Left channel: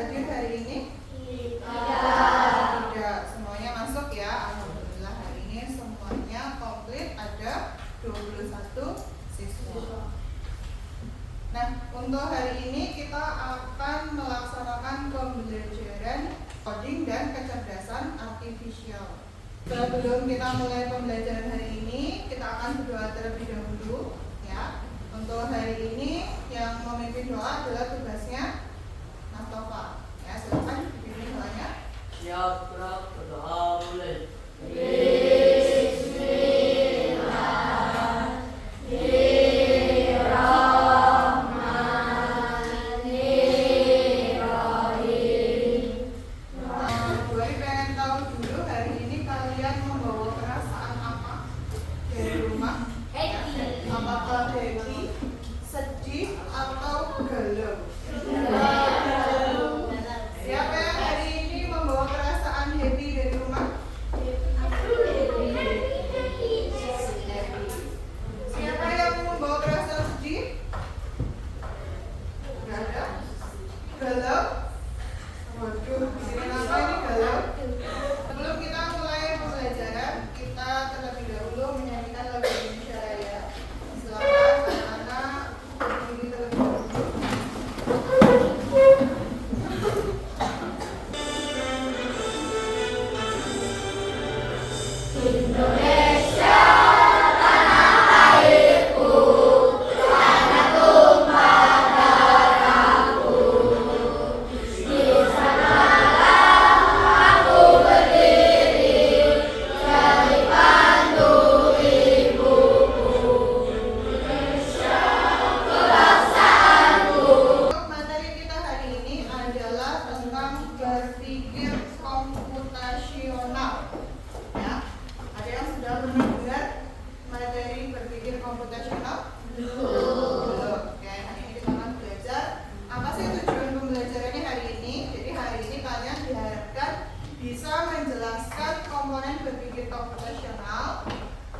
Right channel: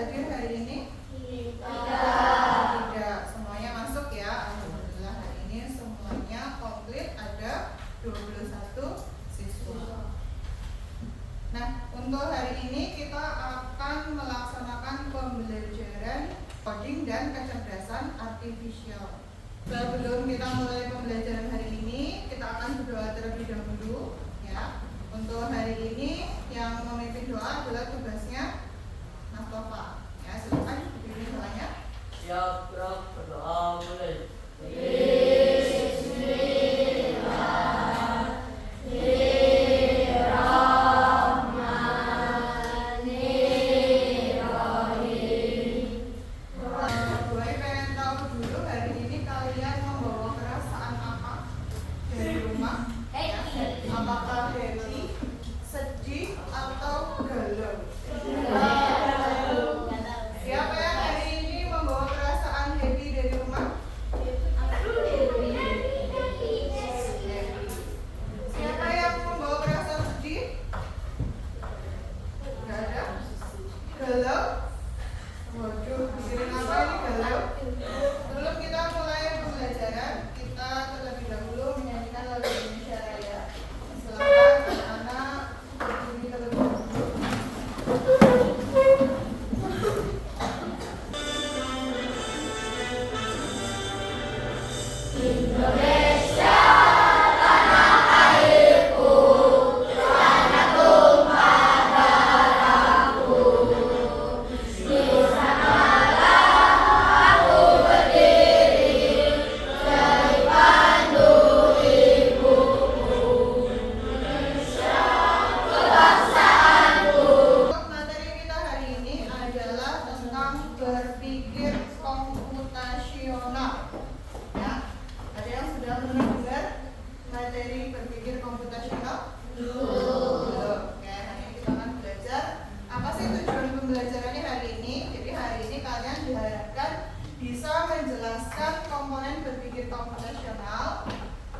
hadir hari ini? Tidak. Semuanya masuk ya. Alhamdulillah hari ini semuanya komplit, ada 21 siswa. Nah, untuk hari ini kita akan melaksanakan pembelajaran coding dan kecerdasan artifisial. Sebelum kita mulai pembelajaran hari ini, kita akan berdoa terlebih dahulu ya. Untuk hari ini yang memimpin doa adalah tugasnya Mas Tova. Ya, silakan dipimpin doanya. Siap, berdoa mulai.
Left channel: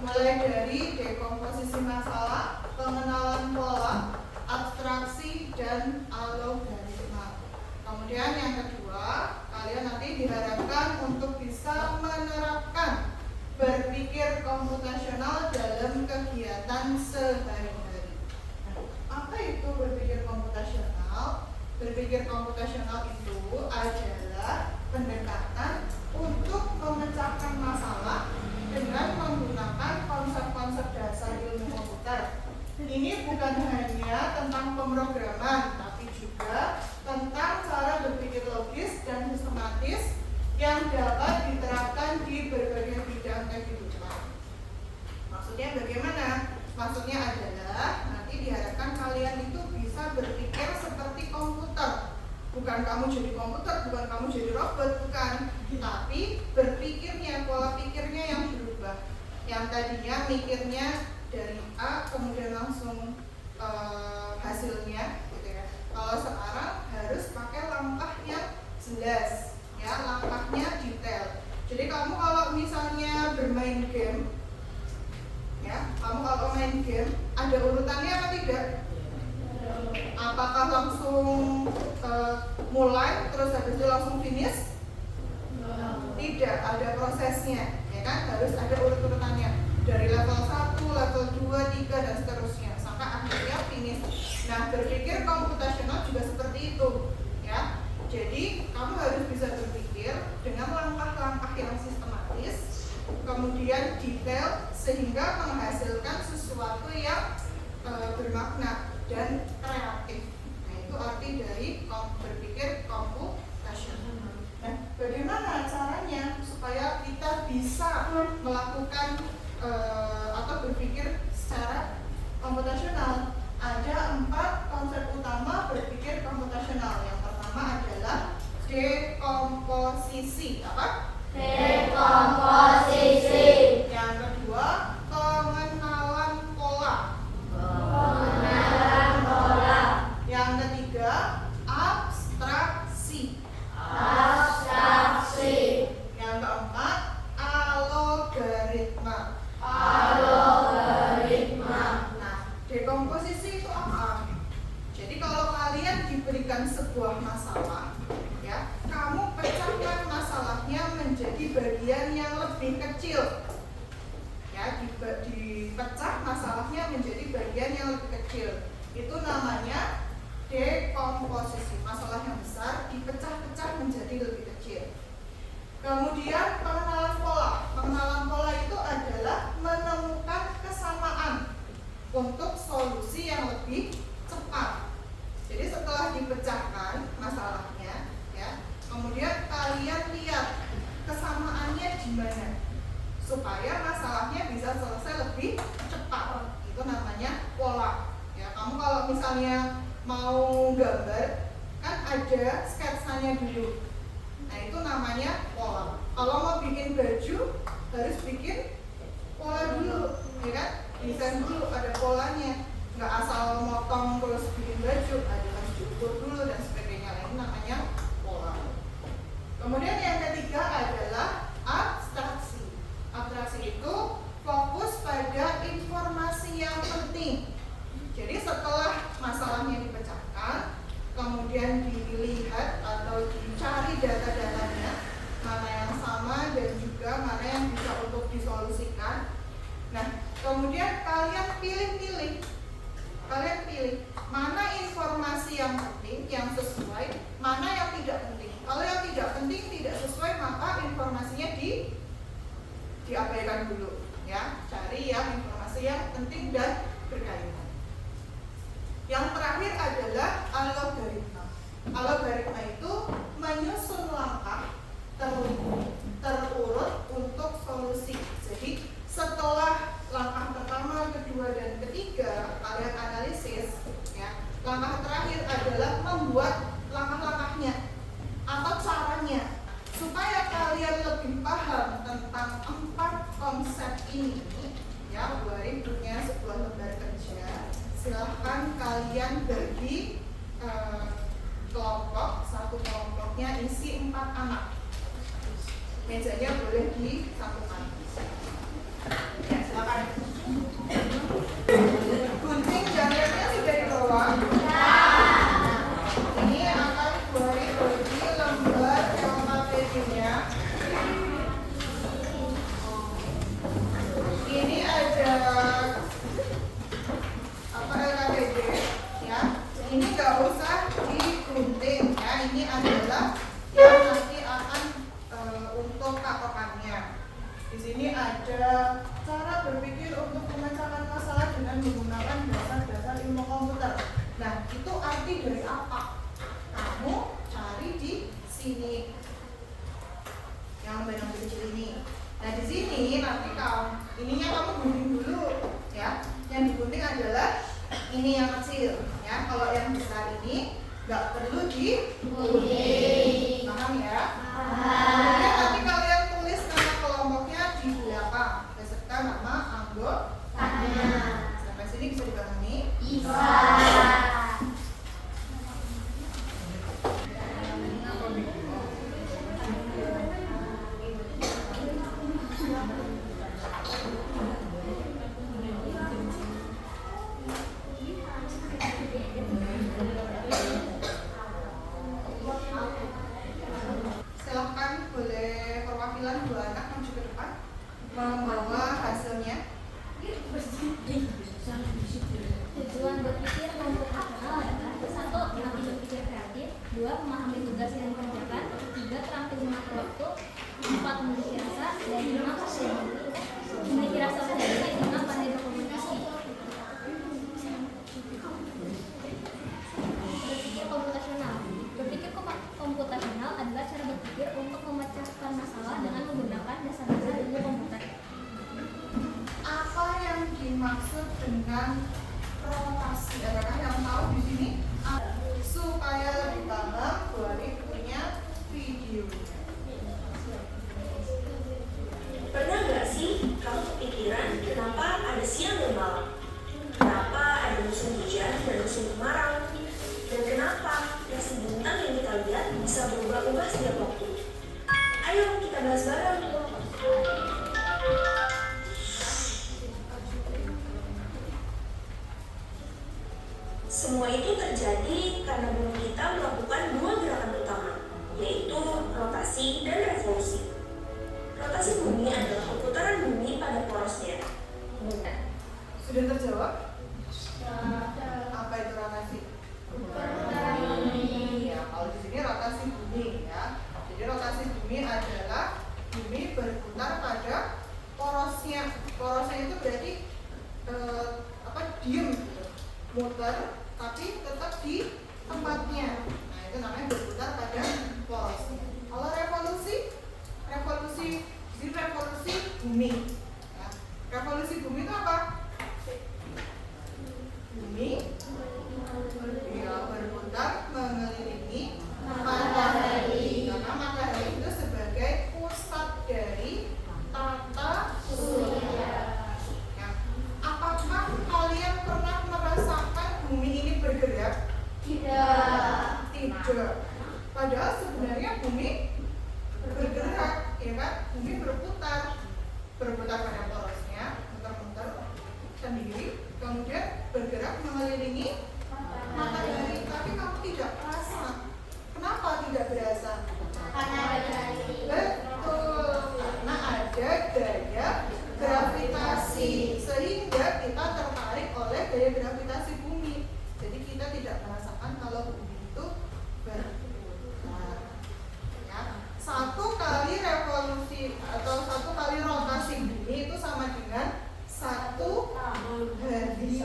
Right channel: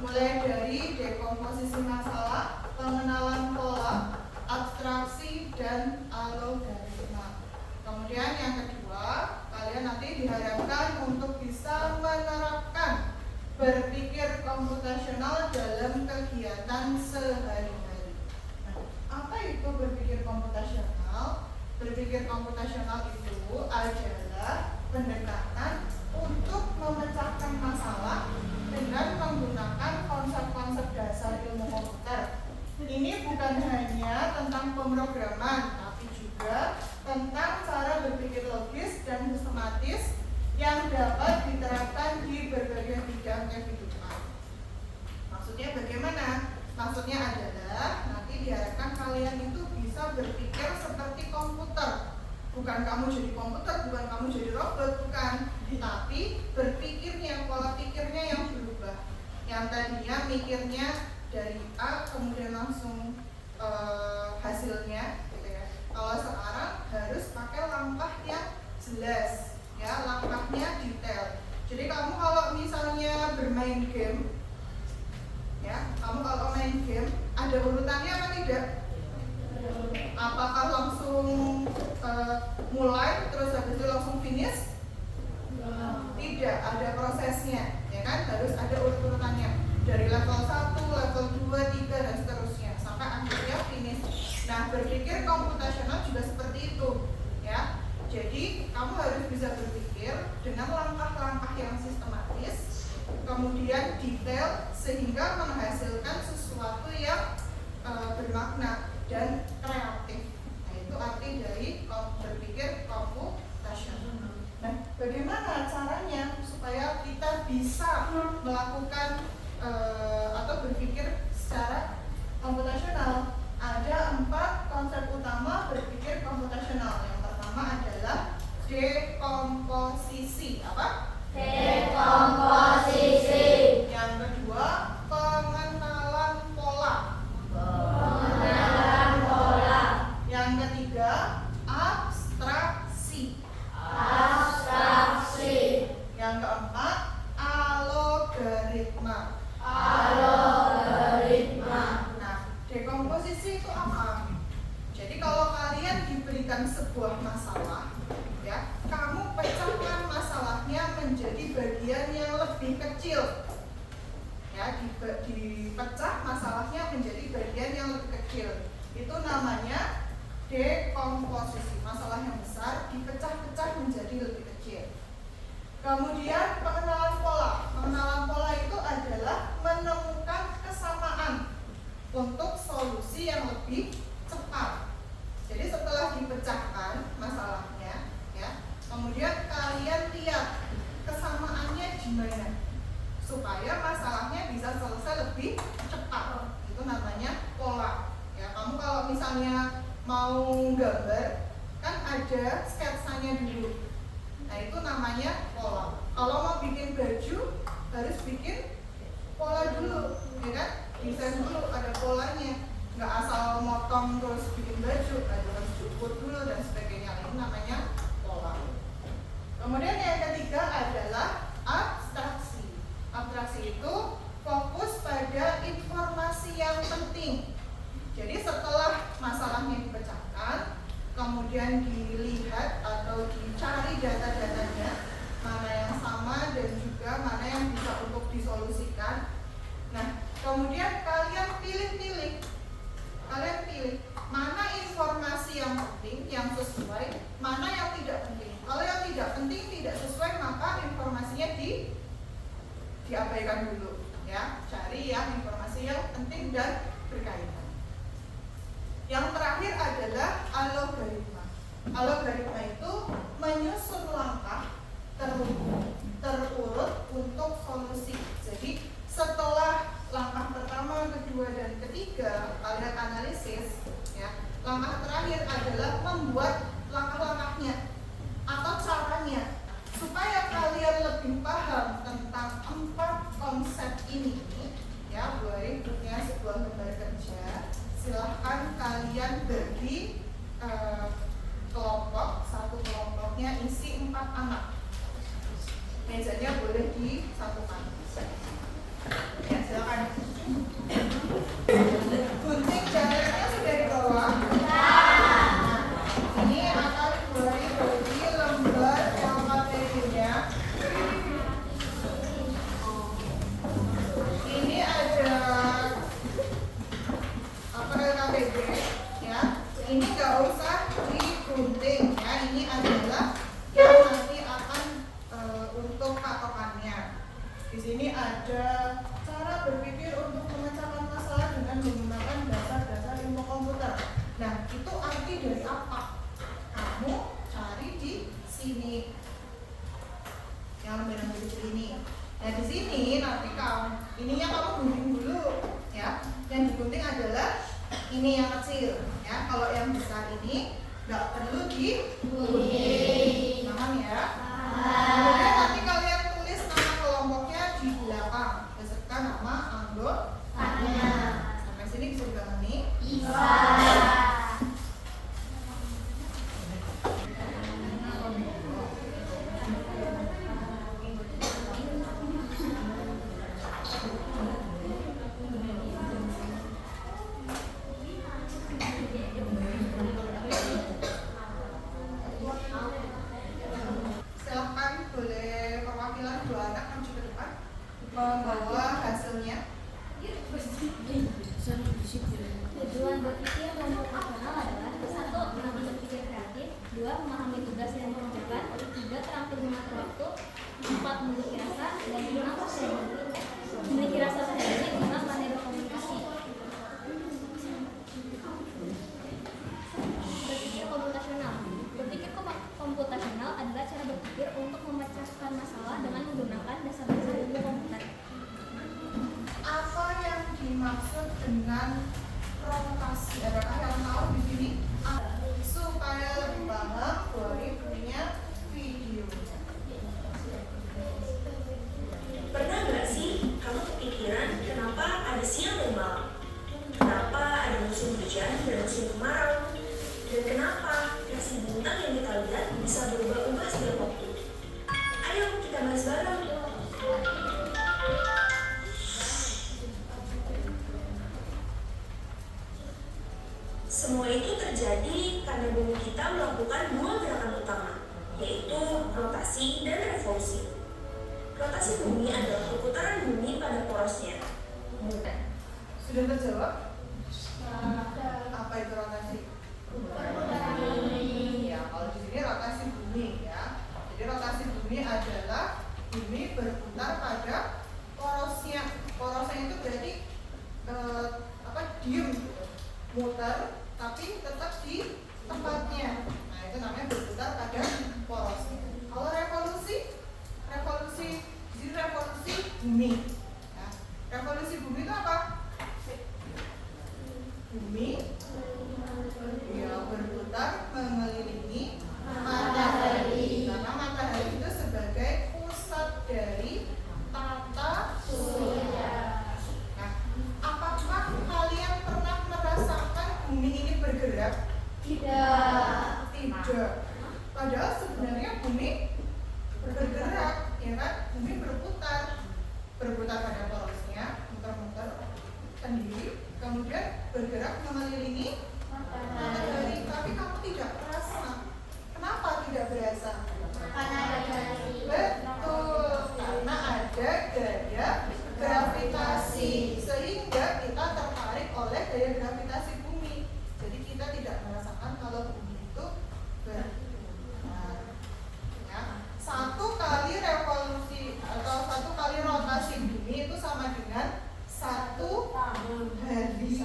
Mulai dari dekomposisi masalah, pengenalan pola, abstraksi, dan algoritma. Kemudian yang kedua, kalian nanti diharapkan untuk bisa menerapkan berpikir komputasional dalam kegiatan sehari-hari. Nah, apa itu berpikir komputasional? Berpikir komputasional itu adalah pendekatan untuk memecahkan masalah dengan menggunakan konsep-konsep dasar ilmu komputer. Ini bukan hanya tentang pemrograman, tapi juga tentang cara berpikir logis dan sistematis yang dapat diterapkan di berbagai bidang kehidupan. Maksudnya bagaimana? Maksudnya adalah nanti diharapkan kalian itu bisa berpikir seperti komputer. Bukan kamu jadi komputer, bukan kamu jadi robot, bukan. Tapi berpikirnya, pola pikirnya yang berubah. Yang tadinya mikirnya dari A kemudian langsung hasilnya gitu ya. Kalau sekarang harus pakai langkah yang jelas ya, langkahnya detail. Jadi kamu kalau misalnya bermain game ya, kamu kalau main game ada urutannya apa tidak? Apakah langsung mulai terus habis itu langsung finish? Tidak, ada prosesnya ya kan, harus ada urut-urutannya dari level 1, level 2, 3 dan seterusnya sampai akhirnya finish. Nah, berpikir komputasional juga seperti itu ya. Jadi, kamu harus bisa berpikir dengan langkah-langkah yang sistematis, kemudian detail sehingga menghasilkan sesuatu yang bermakna dan kreatif. Nah, itu arti dari berpikir komputasional. Nah, bagaimana caranya supaya kita bisa melakukan atau berpikir secara komputasional? Ada 4 konsep utama berpikir komputasional. Yang pertama adalah dekomposisi. Apa? Dekomposisi. Yang kedua, pengenalan pola. Yang ketiga, abstraksi. Yang keempat, algoritma. Nah, dekomposisi itu apa? Jadi kalau kalian diberikan sebuah masalah, ya, dipecah masalahnya menjadi bagian yang lebih kecil. Itu namanya dekomposisi. Masalah yang besar dipecah-pecah menjadi lebih kecil. Kemudian pengenalan pola. Pengenalan pola itu adalah menemukan kesamaan untuk solusi yang lebih cepat. Jadi setelah dipecahkan masalahnya, ya, kemudian kalian lihat kesamaannya gimana supaya masalahnya bisa selesai lebih cepat. Itu namanya pola. Ya, kamu kalau misalnya mau gambar kan ada sketsanya dulu. Nah, itu namanya pola. Kalau mau bikin baju harus bikin pola dulu, ya kan? Desain dulu, ada polanya. Nggak asal motong terus bikin baju, ada harus diukur dulu dan sebagainya. Ini namanya pola. Kemudian yang ketiga adalah abstraksi. Abstraksi itu fokus pada informasi yang penting. Jadi setelah masalahnya dipecahkan, kemudian dilihat atau dicari data-datanya, mana yang sama dan juga mana yang bisa untuk disolusikan. Nah, kemudian kalian pilih mana informasi yang penting, yang sesuai, mana yang tidak penting. Kalau yang tidak penting, tidak sesuai, maka informasinya diabaikan dulu, ya. Cari yang informasi yang penting dan berkaitan. Yang terakhir adalah algoritma. Algoritma itu menyusun langkah terurut untuk solusi. Jadi setelah langkah pertama, kedua, dan ketiga kalian analisis, ya, langkah terakhir adalah membuat langkah-langkahnya atau caranya supaya kalian lebih paham tentang 4 konsep ini. Ya, boleh punya sebuah lembar kerja. Silahkan kalian bagi kelompok. Satu kelompoknya isi 4 anak. Mejanya boleh disatukan. Ya, silakan. Gunting dan lemnya sudah dibawa. Ini akan bagi lembar LKPD-nya. Ini ada apa LKPD, ya. Ini nggak usah digunting, ya. Ini adalah yang nanti akan untuk patokannya. Di sini ada cara berpikir untuk memecahkan masalah dengan menggunakan dasar-dasar ilmu komputer. Nah, itu arti dari apa? Kamu cari di sini. Yang lembar yang kecil ini. Nah, di sini nanti ininya kamu gunting dulu, ya. Yang digunting adalah ini yang kecil, ya. Kalau yang besar ini nggak perlu digunting. Paham ya? Kemudian nanti kalian tulis nama kelompoknya di belakang beserta nama anggotanya. Sampai sini bisa dipahami? Bisa. Silahkan boleh perwakilan 2 anak maju ke depan membawa hasilnya. Tujuan berpikir komputasional adalah 1. Melatih berpikir kreatif, 2. Memahami tugas yang dikerjakan, 3. Terampil mengatur waktu, 4. Memiliki rasa, dan 5. Memiliki rasa percaya diri, 5. Pandai berkomunikasi. Berpikir komputasional. Berpikir komputasional adalah cara berpikir untuk memecahkan masalah dengan menggunakan dasar-dasar ilmu komputer. Apa yang dimaksud dengan promotasi? Adakah yang tahu di sini? Supaya lebih paham, boleh punya video. Pernah nggak sih kamu kepikiran kenapa ada siang dan malam? Kenapa ada musim hujan dan musim kemarau? Dan kenapa rasi bintang yang kita lihat bisa berubah-ubah setiap waktu? Ayo kita bahas bareng. Sudah terjawab? Apa itu rotasi? Ya, kalau di sini rotasi bumi ya. Jadi rotasi bumi adalah bumi berputar pada porosnya. Porosnya itu berarti diem gitu, muter tapi tetap di tempatnya. Nah itu namanya berputar pada porosnya. Kalau revolusi bumi. Nah, revolusi bumi itu apa? Bumi ya berputar mengelilingi matahari. Karena matahari itu sebagai pusat dari tata surya. Nah, apakah kalian pernah merasakan bumi ini bergerak? Tidak. Padahal sebenarnya bumi bergerak, ya kan? Bumi berputar pada porosnya, muter-muter sendiri, kemudian bergerak mengelilingi matahari. Tapi kamu tidak merasa. Kenapa tidak berasa? Betul, karena ada gaya gravitasi, sehingga kita tertarik oleh gaya gravitasi bumi. Jadi kita tidak merasakan kalau bumi itu berputar. Ya. Satu kali revolusi atau satu kali rotasi bumi itu sama dengan 1 hari.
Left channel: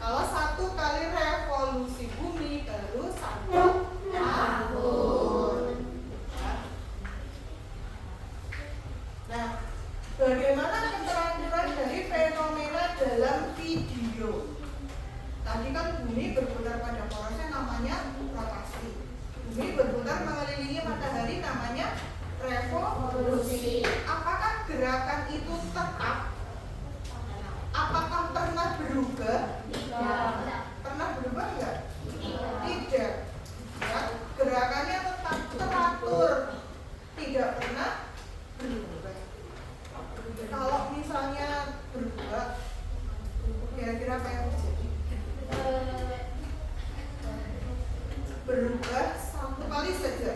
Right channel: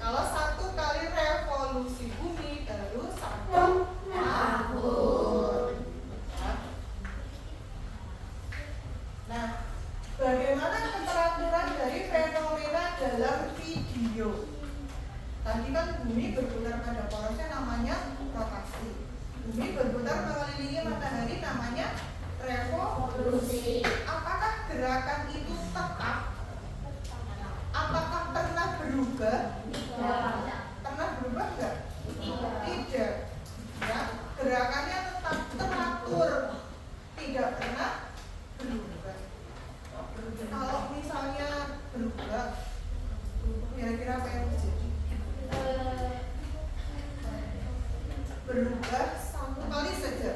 Kalau 1 kali revolusi bumi baru 1 tahun. Ya. Nah, bagaimana keteraturan dari fenomena dalam video? Tadi kan bumi berputar pada porosnya namanya rotasi. Bumi berputar mengelilingi matahari namanya revolusi. Apakah gerakan itu tetap? Apakah pernah berubah? Pernah berubah enggak? Tidak. Ya, gerakannya tetap teratur, tidak pernah berubah. Kalau misalnya berubah, kira-kira apa yang terjadi? Berubah 1 kali saja.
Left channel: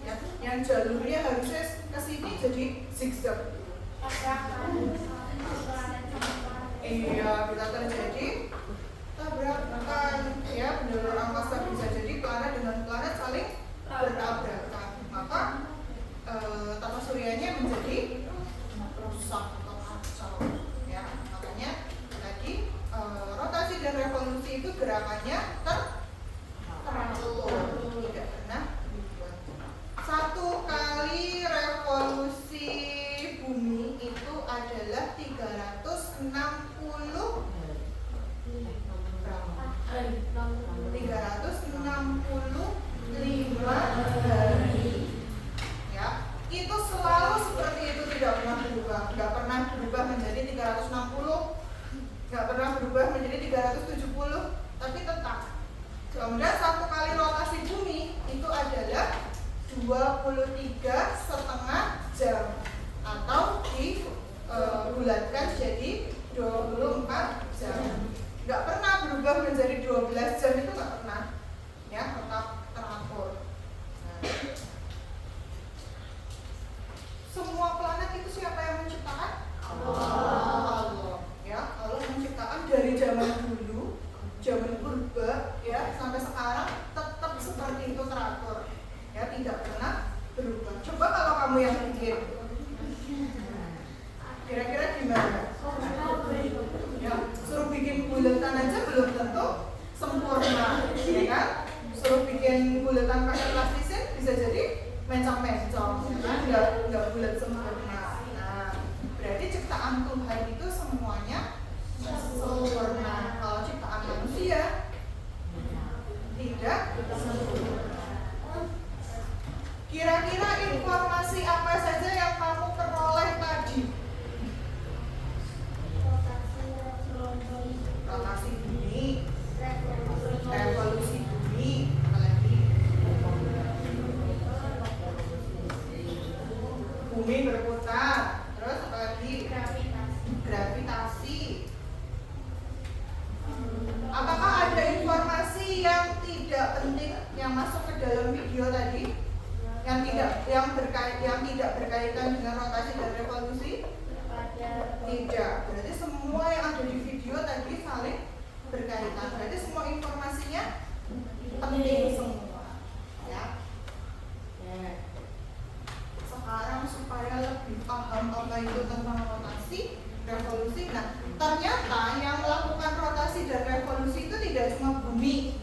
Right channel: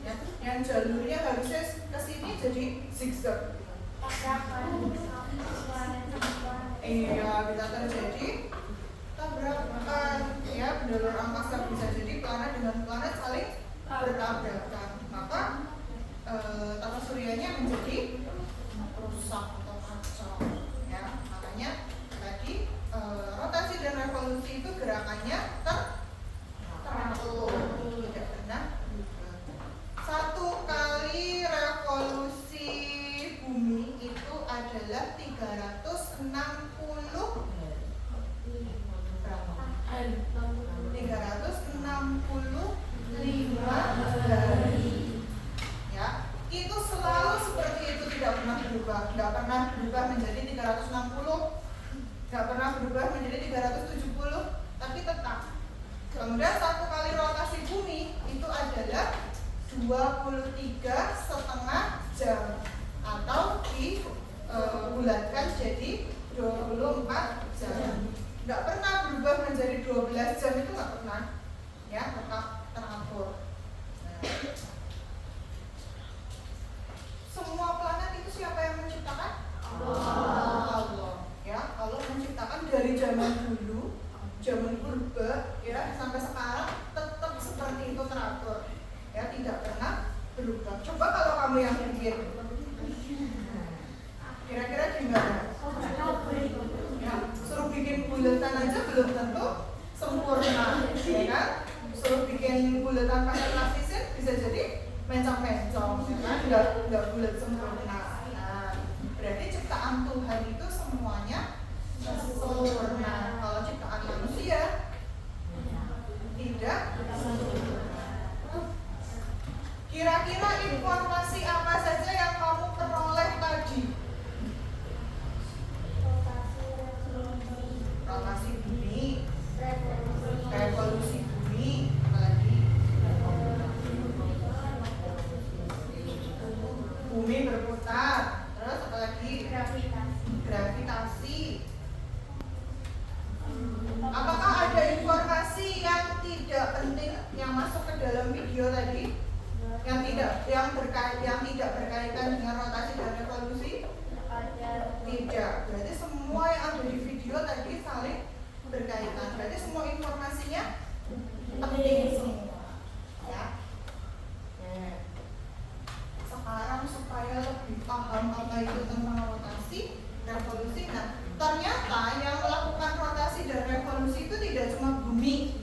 Ya, yang jalurnya harusnya ke sini jadi zigzag. Iya, bisa terjadi tabrakan. Ya, jalur angkasa bisa jadi planet dengan planet saling bertabrakan. Maka tata suryanya menjadi rusak atau kacau. Ya, makanya tadi rotasi dan revolusi itu gerakannya teratur, tidak pernah berubah. 1 kali revolusi bumi itu adalah 365 hari. Ya, itu selalu seperti itu, tidak pernah berubah. Nggak pernah berubah menjadi 360, nggak pernah berubah menjadi 370, tapi tetap. Kemudian 1 kali rotasi bumi itu adalah 23,5 jam atau dibulatkan jadi 24 jam. Nggak pernah berubah menjadi 12 jam, itu nggak pernah. Ya, tetap teratur. Nah, semua planet itu siapa yang menciptakan? Allah. Ya, Allah menciptakan dari zaman dulu, zaman purba ya sampai sekarang tetap seperti itu teratur. Ya, tidak pernah berubah. Coba kalau kamu yang bikin, kira-kira gimana? Ya, suruh bikin bulatan aja belum tentu sempurna, ya kan? Suruh bikin bulatan pakai plastisin bisa jadi mencong-mencong, ya kan? Nggak bulat sempurna. Nah, berarti ciptaan Tuhan itu semuanya sempurna. Kalau ciptaan manusia tidak sempurna. Kira-kira informasi apa saja yang kamu peroleh tadi? Rotasi bumi, revolusi bumi, apalagi bumi berputar, terus apalagi gravitasi. Apakah ada informasi yang tidak penting yang masuk ke dalam video tadi? Yang tidak berkaitan dengan rotasi dan revolusi? Tidak. Berarti semua yang ada di video tadi saling berkaitan. Berarti semua informasinya penting semua. Ya. Sekarang supaya lebih paham apa itu tentang rotasi, revolusi. Nah, ternyata yang melakukan rotasi dan revolusi itu tidak cuma bumi,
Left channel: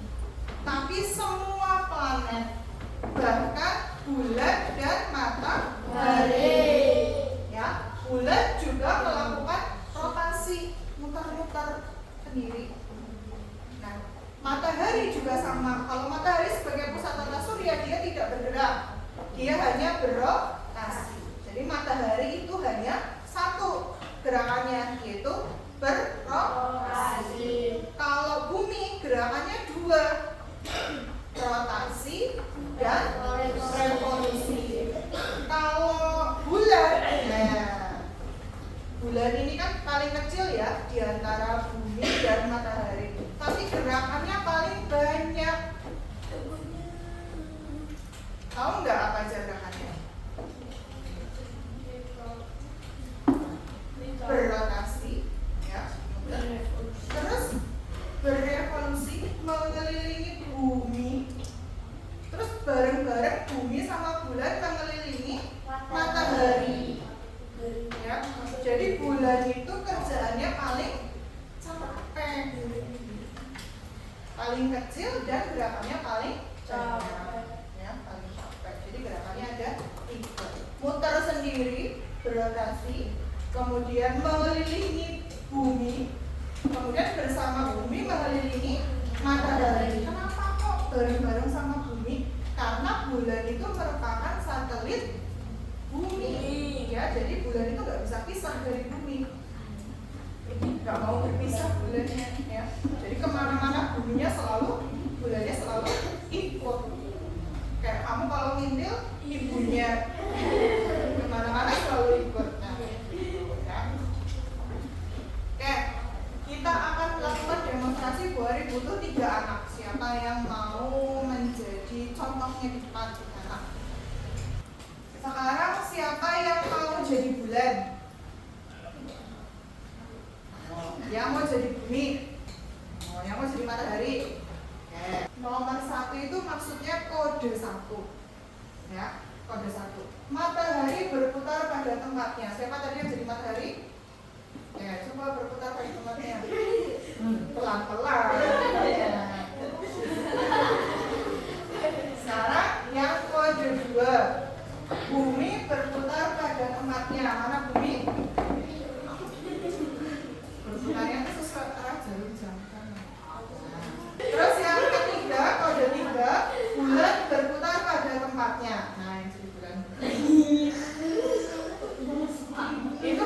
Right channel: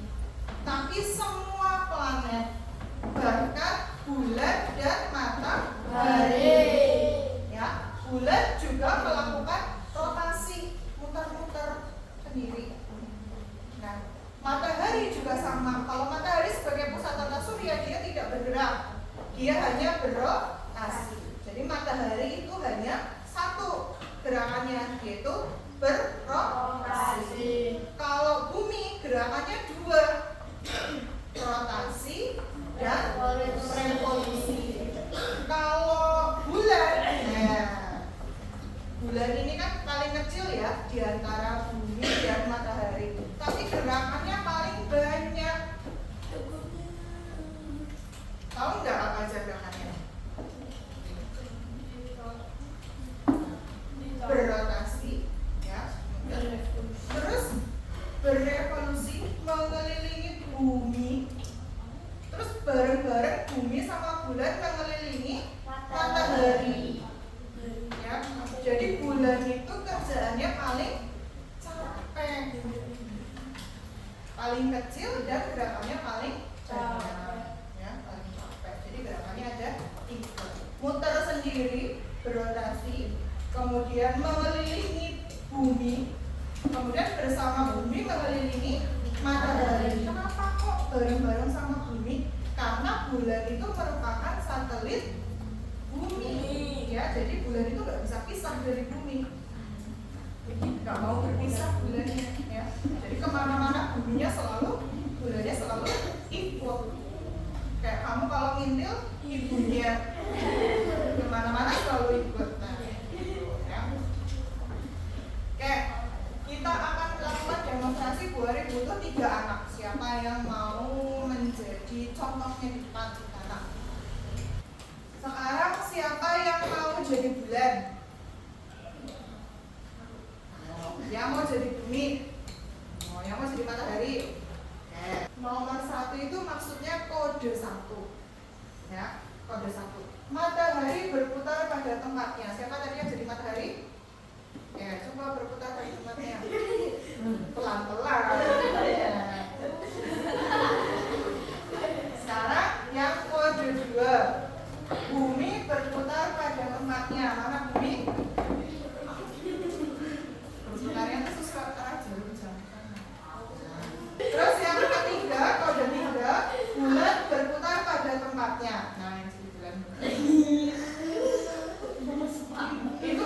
tapi semua planet, bahkan bulan dan matahari. Ya, bulan juga melakukan rotasi, muter-muter sendiri. Nah, matahari juga sama. Kalau matahari sebagai pusat tata surya dia tidak bergerak, dia hanya berotasi. Jadi matahari itu hanya satu gerakannya, yaitu berrotasi. Kalau bumi gerakannya dua, rotasi dan revolusi. Kalau bulan, bulan ini kan paling kecil ya di antara bumi dan matahari, tapi gerakannya paling banyak. Tahu nggak apa aja gerakannya? Berrotasi, ya. Terus berevolusi mengelilingi bumi. Terus bareng-bareng bumi sama bulan mengelilingi matahari. Ya, jadi bulan itu kerjaannya paling capek, paling kecil dan gerakannya paling banyak. Ya, paling capek. Jadi gerakannya ada 3. Muter sendiri, berotasi, kemudian mengelilingi bumi, kemudian bersama bumi mengelilingi matahari. Kenapa kok bareng-bareng sama bumi? Karena bulan itu merupakan satelit bumi, ya. Jadi bulan itu nggak bisa pisah dari bumi, nggak mau berpisah bulannya, ya. Jadi kemana-mana buminya selalu, bulannya selalu ikut. Kayak kamu kalau ngintil ibunya, kemana-mana selalu ikut. Nah, gitu, ya. Oke, kita akan melakukan demonstrasi. Bu Ari butuh 3 anak. Siapa yang mau menjadi contohnya di depan anak? Sekarang siapa yang mau jadi bulan? Yang mau jadi bumi? Yang mau jadi matahari? Oke. Nomor 1 itu maksudnya kode 1. Ya, kode 1. Matahari berputar pada tempatnya. Siapa tadi yang jadi matahari? Ya, coba berputar pada tempatnya. Pelan-pelan. Sekarang yang kode 2. Bumi berputar pada tempatnya. Mana bumi? Berputarnya itu sesuai arah jarum jam. Terus yang ketiga, kode 3, bulan berputar pada tempatnya. Nah, yang jadi bulan. Itu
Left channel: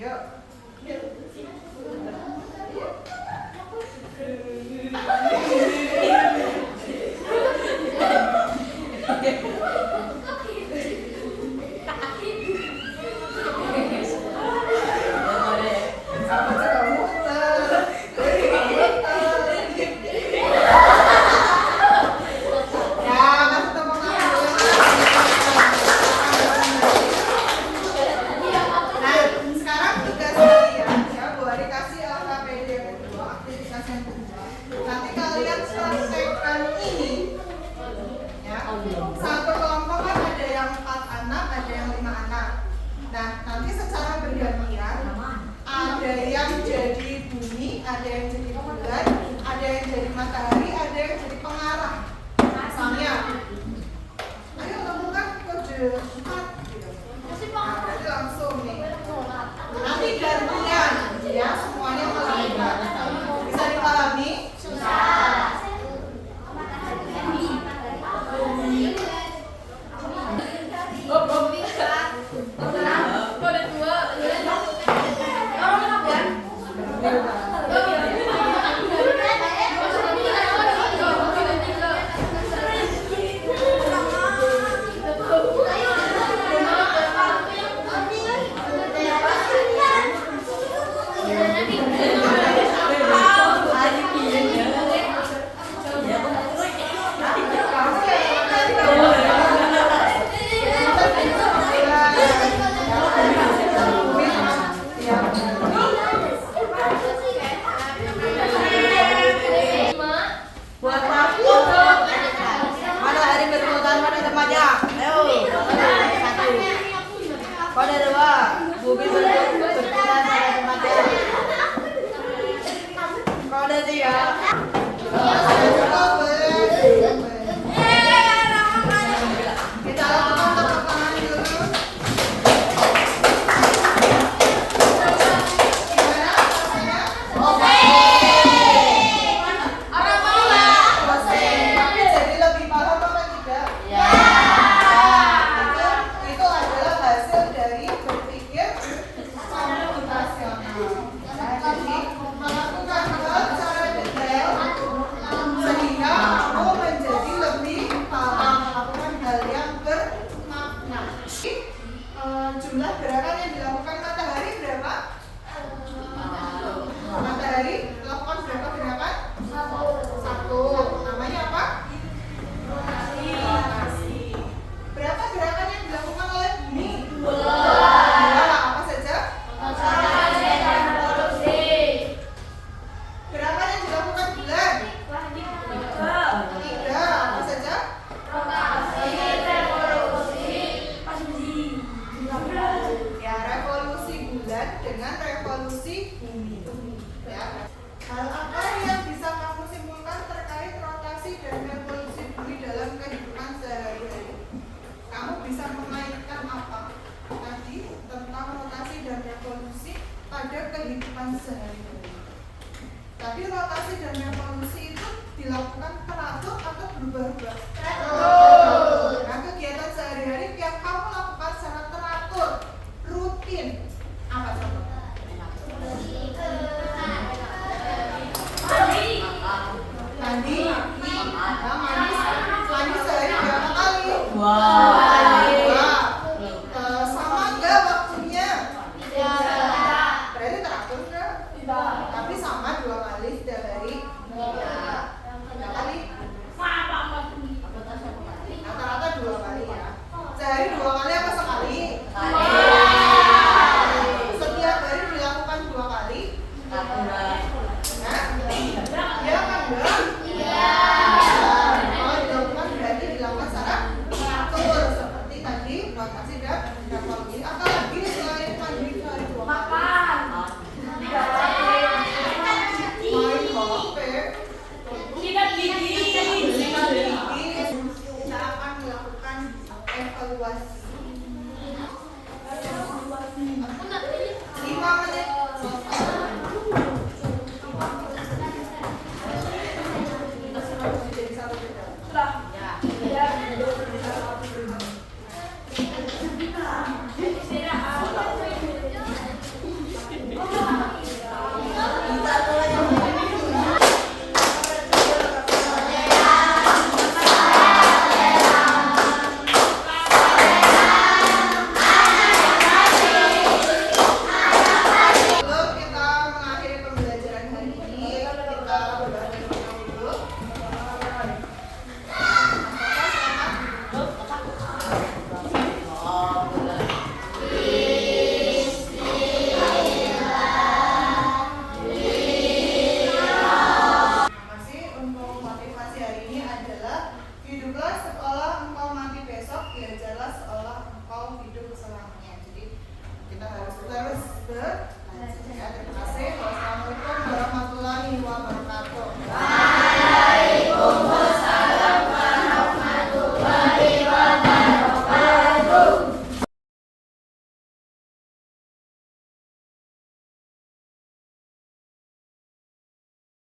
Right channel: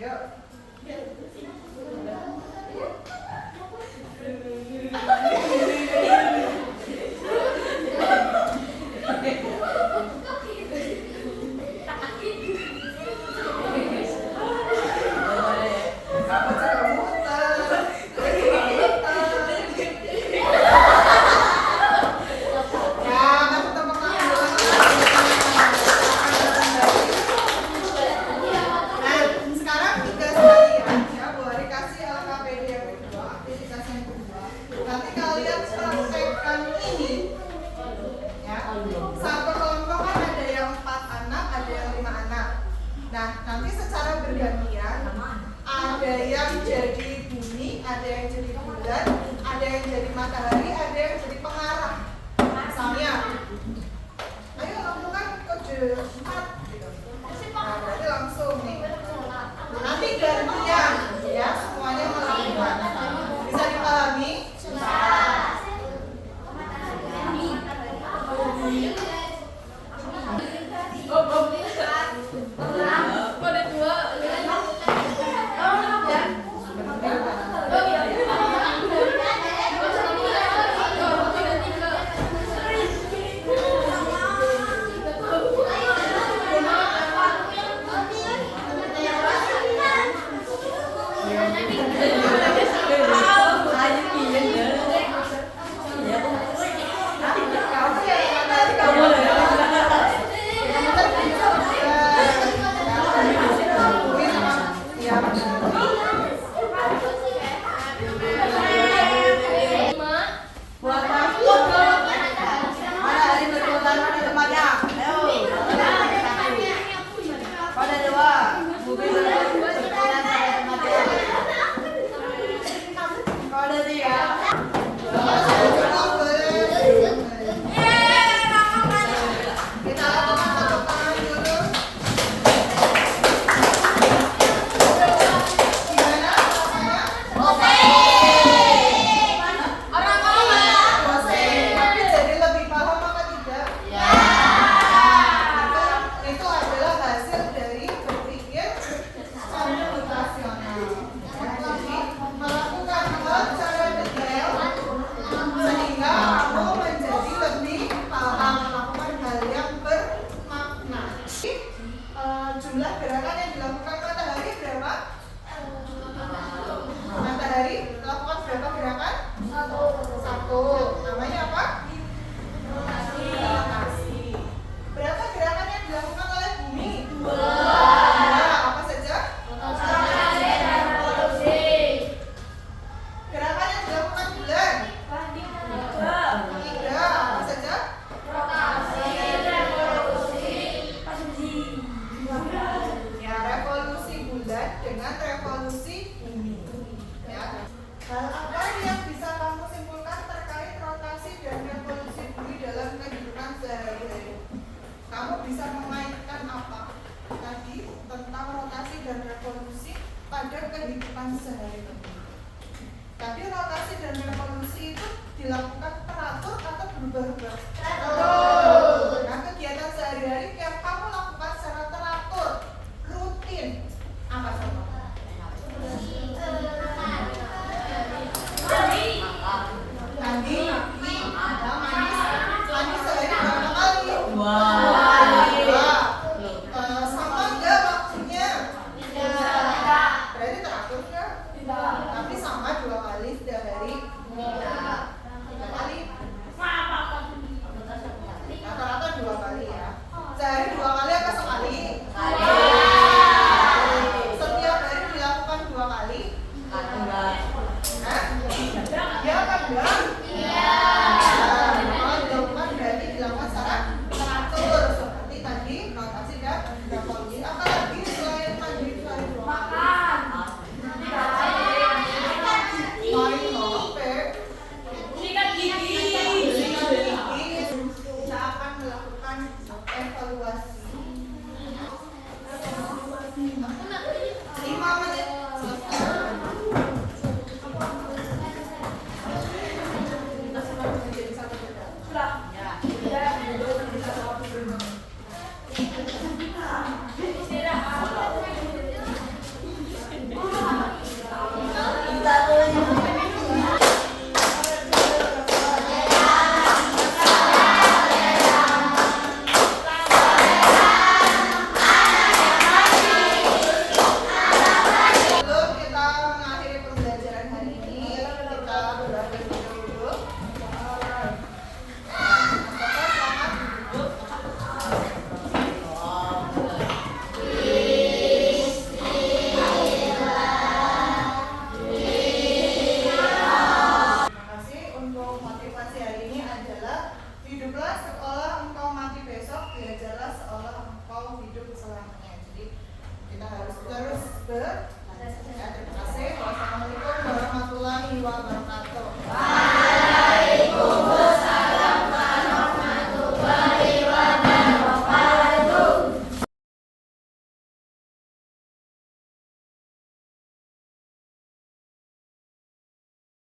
Yuk. Apa sih kamu muter? Ya, kasih tepuk tangan dulu. Nah, sekarang tugas kalian ya, Bu Ari kasih LKPD yang kedua, aktivitas yang kedua. Nanti kalian praktekkan ini. Ya, satu kelompok kan ada yang 4 anak, ada yang 5 anak. Nah, nanti secara bergantian ada yang jadi bumi, ada yang jadi bulan, ada yang jadi matahari, ada yang jadi pengarah. Misalnya, ayo lakukan kode 4 gitu. Nah, berarti langsung nih. Nanti gantian ya, semuanya melakukan. Bisa dipahami? Kita lakukan tepuk tangan dulu. Gimana rasanya? Tapi jadi lebih paham apa tidak? Itu adalah hasil dari berpikir komputasional. Jadi melakukan hal secara detail sehingga kamu menjadi lebih paham melakukan hal yang bermakna. Jumlah gerakan yang dilakukan matahari berapa? Matahari lakukan berapa gerakan? 1. Namanya apa? Rotasi. Berapa gerakan yang dilakukan oleh bumi? 2. Apa saja? Gerakan yang dilakukan bulan? 3. Apa saja? Ya, revolusi bulan dengan revolusi bumi. Ya. Hal apa yang bisa kamu simpulkan terkait rotasi dan revolusi bumi dalam kehidupan sehari-hari? Kamu bisa mengaitkan apa tadi tentang rotasi dan revolusi pada kehidupan sehari-hari? Tadi rotasi dan revolusi itu dilakukan teratur atau berubah-ubah?